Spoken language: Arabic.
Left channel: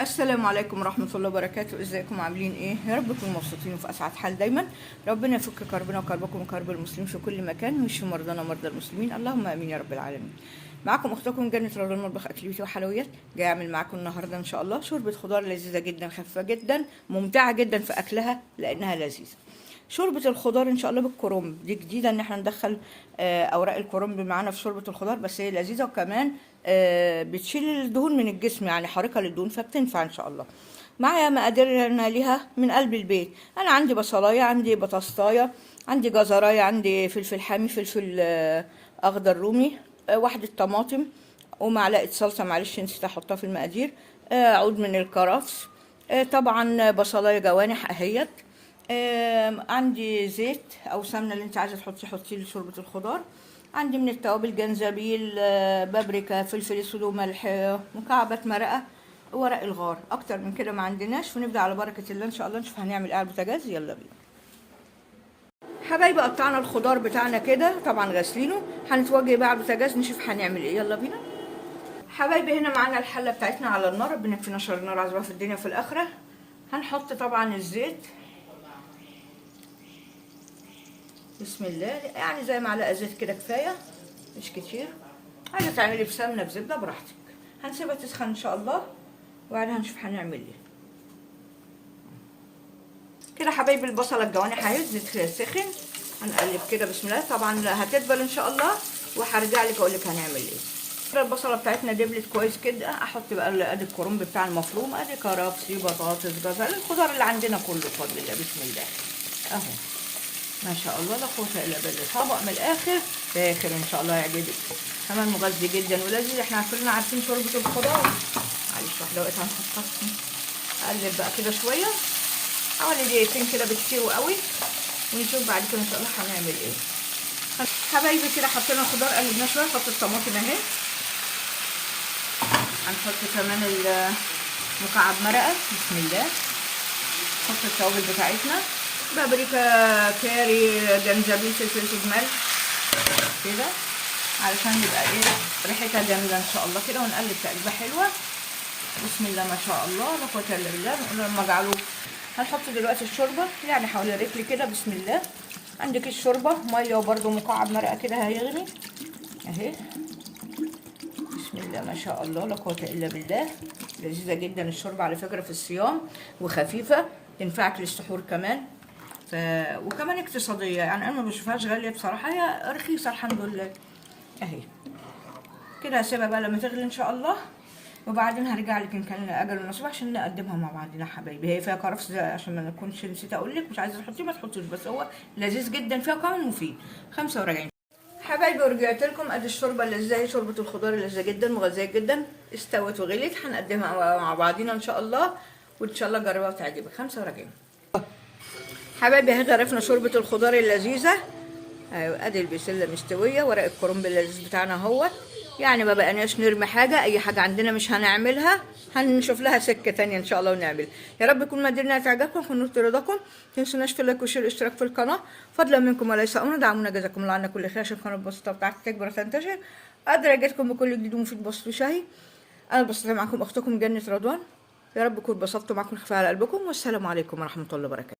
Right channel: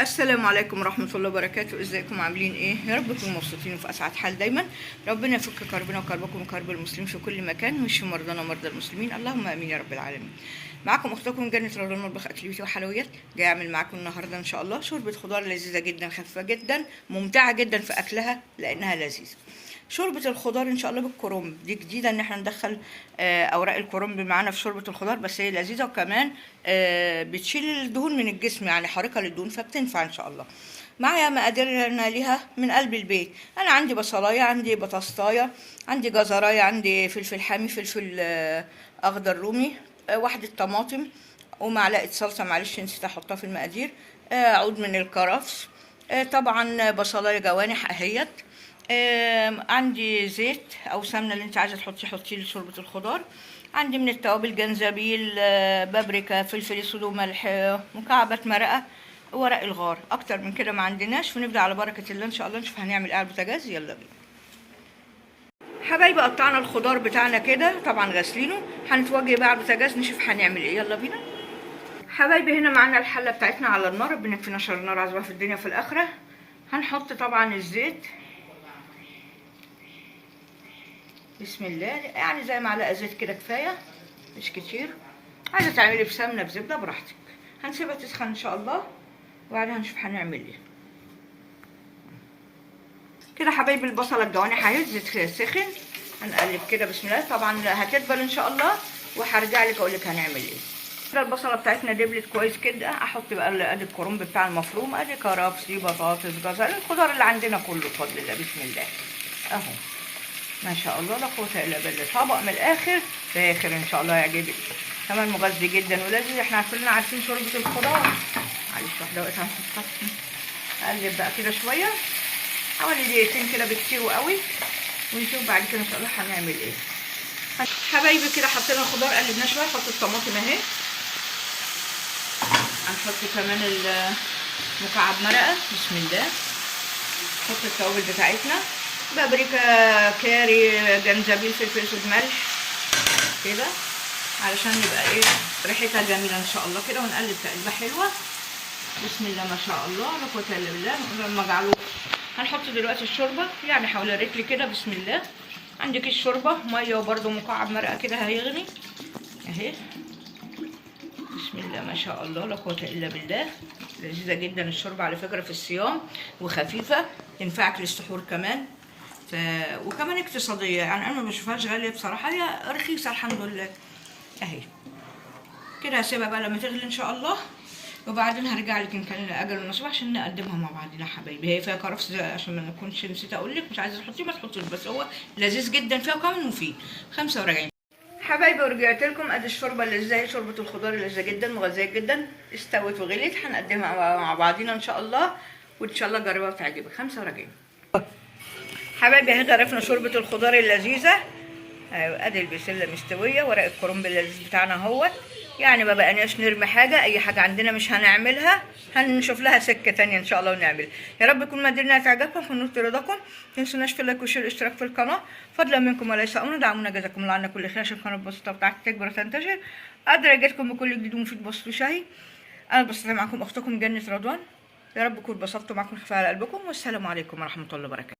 السلام عليكم ورحمة الله وبركاته. ازيكم عاملين ايه؟ يا رب تكونوا مبسوطين وفي اسعد حال دايما. ربنا يفك كربنا وكربكم وكرب المسلمين في كل مكان، ويشفي مرضانا ومرضى المسلمين، اللهم امين يا رب العالمين. معاكم اختكم جنة رمضان مطبخ اكل بيتي وحلويات. جاي اعمل معاكم النهارده ان شاء الله شوربة خضار لذيذة جدا، خفيفة جدا، ممتعة جدا في اكلها لانها لذيذة. شوربة الخضار ان شاء الله بالكرنب، دي جديدة ان احنا ندخل اوراق الكرنب معانا في شوربة الخضار، بس هي لذيذة وكمان بتشيل الدهون من الجسم، يعني حريقة للدهون، فبتنفع ان شاء الله. معايا مقاديرنا ليها من قلب البيت. انا عندي بصلايه، عندي بطاطايه، عندي جزرايه، عندي فلفل حامي، فلفل اخضر رومي، واحدة طماطم، ومعلقة صلصة، معلش نسيت احطها في المقادير، عود من الكرفس، طبعا بصلاية جوانح اهيت، عندي زيت او سمنه اللي انت عايزه تحطيه حطيه لشوربه الخضار. عندي من التوابل جنزبيل، بابريكا، فلفل اسود وملح، مكعبات مرقه، ورق الغار. اكتر من كده ما عندناش، فنبدا على بركه الله ان شاء الله نشوف هنعمل ايه على البوتاجاز. يلا بينا حبايبي، قطعنا الخضار بتاعنا كده، طبعا غاسلينه، هنتوجه بقى على البوتاجاز نشوف هنعمل ايه. يلا بينا حبايبي. هنا معانا الحله بتاعتنا على النار، ربنا يكفينا شر النار عزوها في الدنيا وفي الاخره. هنحط طبعا الزيت، بسم الله، يعني زي معلقه زيت كده كفايه، مش كتير. عايزه تعملي بسمنه بزبده براحتك. هنسيبها تسخن ان شاء الله وبعدها هنشوف هنعمل ايه. كده حبايبي البصله الجوانح اهي، الزيت سخن، هنقلب كده بسم الله. طبعا هتدبل ان شاء الله وهرجع لك اقول لك هنعمل ايه. كده البصله بتاعتنا دبلت كويس كده، احط بقى ادي الكرنب بتاع المفروم، ادي كرفس، دي بطاطس، جزر، الخضار اللي عندنا كله بفضل الله. بسم الله اهو، ما شاء الله لا قوه الا بالله. طبق من الاخر فاخر ان شاء الله يعجبك، كمان مغذي جدا ولذيذ. احنا كلنا عارفين شوربه الخضار. معلش واحده وقت هنحطها، اقلب بقى كده شويه، حوالي دقيقتين كده بكتير وقوي، ونشوف بعد كده ان شاء الله هنعمل ايه. حبايبي كده حطينا الخضار قلبناه شويه، نحط الطماطم اهي، هنحط كمان مكعب مرقه، بسم الله، نحط التوابل بتاعتنا، بابريكا، كاري، جنزبيل، فلفل اسود، ملح كده، علشان يبقى ايه ريحتها جميله ان شاء الله كده. ونقلب تقليبه حلوه، بسم الله ما شاء الله لا قوه الا بالله. نقول لما اجعله هنحط دلوقتي الشوربه، يعني حوالي رجل كده، بسم الله. عندك الشوربه ميه وبرده مكعب مرقه كده هيغلي اهي، بسم الله ما شاء الله لا قوه الا بالله. لذيذه جدا الشوربه على فكره في الصيام، وخفيفه، تنفعك للسحور كمان، وكمان اقتصاديه، يعني انا ما بشوفهاش غاليه بصراحه، هي رخيصه الحمد لله اهي. كده هسيبها بقى لما تغلي ان شاء الله، وبعدين هرجع لك ان كان اجل مناسبه عشان نقدمها مع بعضنا حبايبي. هي فيها كرفس عشان ما نكونش نسيت اقول لك، مش عايزه تحطيه ما تحطيش، بس هو لذيذ جدا فيها كمان مفيد. 45 حبايبي، ورجعت لكم. ادي الشوربه اللي زي شوربه الخضار، لذيذه جدا مغذيه جدا، استوت وغليت. هنقدمها مع بعضنا ان شاء الله، وان شاء الله جربها وتعجبك. 45 حبايبي اهي غرفنا شوربه الخضار اللذيذه. ادي البسله مستويه، ورق الكرنب اللذيذ بتاعنا اهوت، يعني ما بقناش نرمي حاجه، اي حاجه عندنا مش هنعملها، هنشوف لها سكه تانية ان شاء الله ونعمل. يا رب يكون مقاديرنا تعجبكم، في نور رضاكم. ما تنسوناش في اللايك والشير والاشتراك في القناه، فضلا منكم وليس امرا. دعمونا جزاكم الله عنا كل خير، عشان القناه البسيطه بتاعتي تكبر وتنتشر، اقدر اجيلكم بكل جديد ومفيد بسيط وشهي. انا بستطيع معكم اختكم جنة رضوان. يا رب يكون اتبسطتوا معكم، خفيف على قلبكم، والسلام عليكم ورحمه الله وبركاته.